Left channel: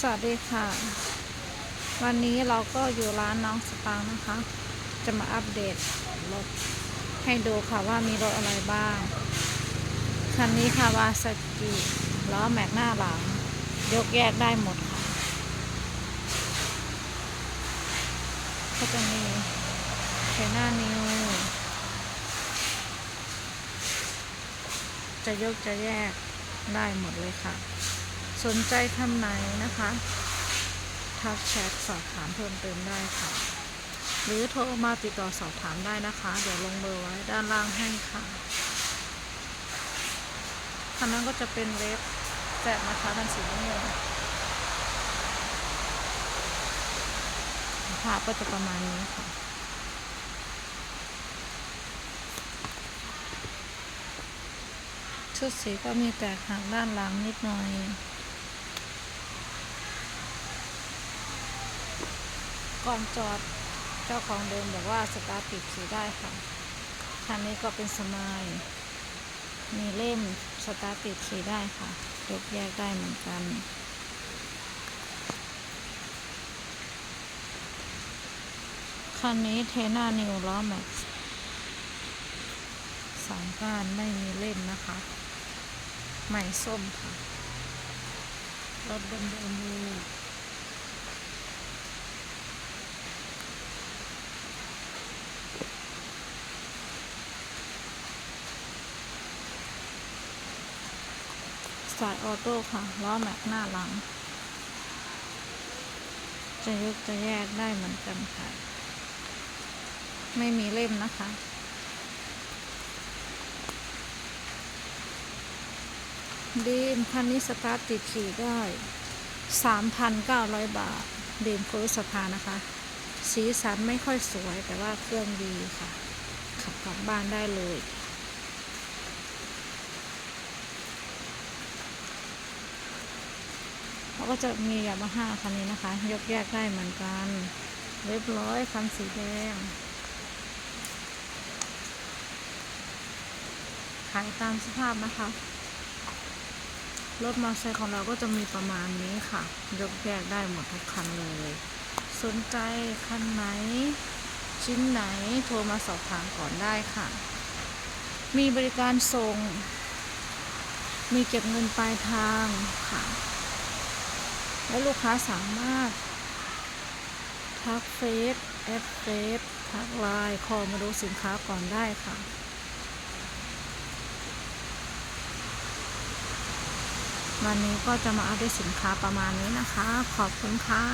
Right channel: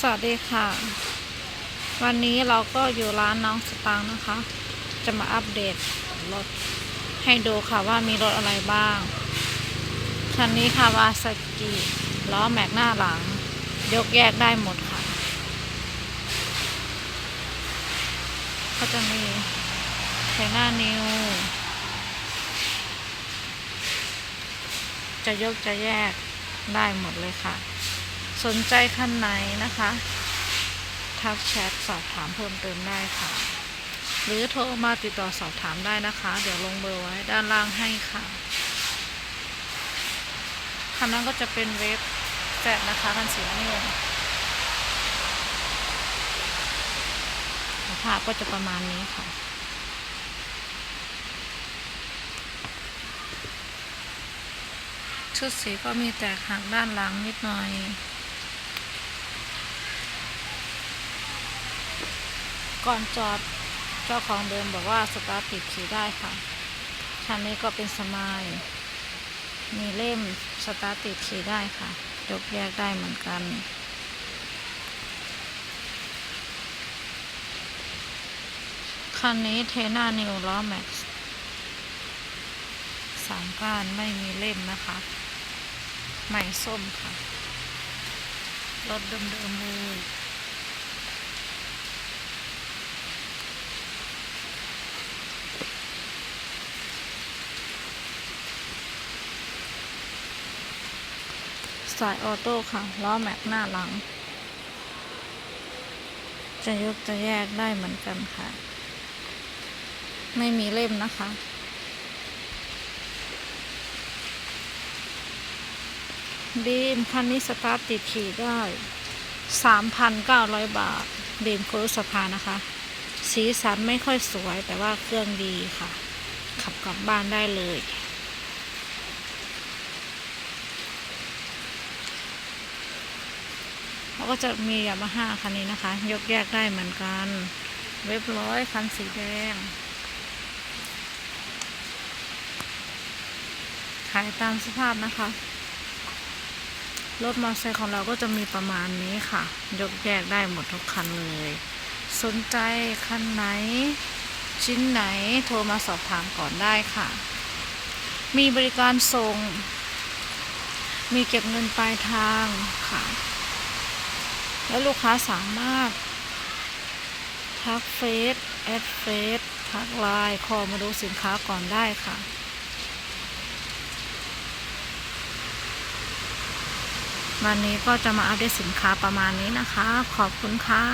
สวัสดีค่ะ วันนี้เราก็อยู่ร้านน้องสตางค์นะคะ จะมาอัปเดตรถให้ดูค่ะว่ามีรถอะไรบ้าง คันนี้ค่ะวาสกิล้อแม็กหน้าหลัง ยกแยกได้หมดค่ะ ก็จะมีไทหน้านิว จะยกจะแยกได้หมดเลยค่ะ สนใจคันไหนนะคะ ทักแชทสอบถามเพิ่มเติมได้ค่ะ หรือโทรมาติดต่อสอบถามได้นะคะ เดี๋ยวลงเบอร์ไว้ด้านล่างให้ค่ะคันนั้นก็จะเป็นเว็บแฟดนะคะคันสีน้ำเงินภาพก็จะประมาณนี้ค่ะชุดสีก็มีแตกหักด้านหลังนิดหน่อย ก่อนจอดเจ้าของเดิมบอกว่าสตาร์ทติดขี่ได้ค่ะคันนี้ก็เป็นสมาย มีเล่มสตาร์ทติดขี่ได้ค่ะ ยกแยกได้เหมือนกัน คันนี้เทน่านิวล้อแม็กซ์สามก้านไม่มีเล่มนะคะ ใหม่ส้มค่ะ รถเดิมๆมือ สายออโต้ค่ะ ล้อแม็กหน้าหลัง จะยกจะแยกได้เหมือนกันค่ะ ไม่มีเล่มนะคะ ดีมคันนี้สตาร์ทติดขี่ได้ 3,900 บาทดีมโคสภานะคะ สีสันไม่ค่อยสวยแต่ว่าเครื่องดีค่ะ ขับกลับบ้านได้เลย ก็จะมียามาฮ่าคันนี้นะคะ ยกแยกได้เหมือนกัน เว็บร้อยคันสีแดง ขายตามสภาพนะคะ รถมอเตอร์ไซค์ของเราก็จะมีประมาณนี้ค่ะ ยกแยกได้หมดทุกคันเลย สนใจคันไหน ชิ้นไหนโทรมาสอบถามก่อนได้ค่ะ มีบริการส่ง มีเก็บเงินปลายทางค่ะ แล้วลูกค้าสามารถ ทักเฟซแอดเฟซทักไลน์คอมาดูสินค้าก่อนได้ค่ะวันนี้ก็จะมาอัปเดตสินค้าประมาณนี้นะคะ ขอบคุณค่ะ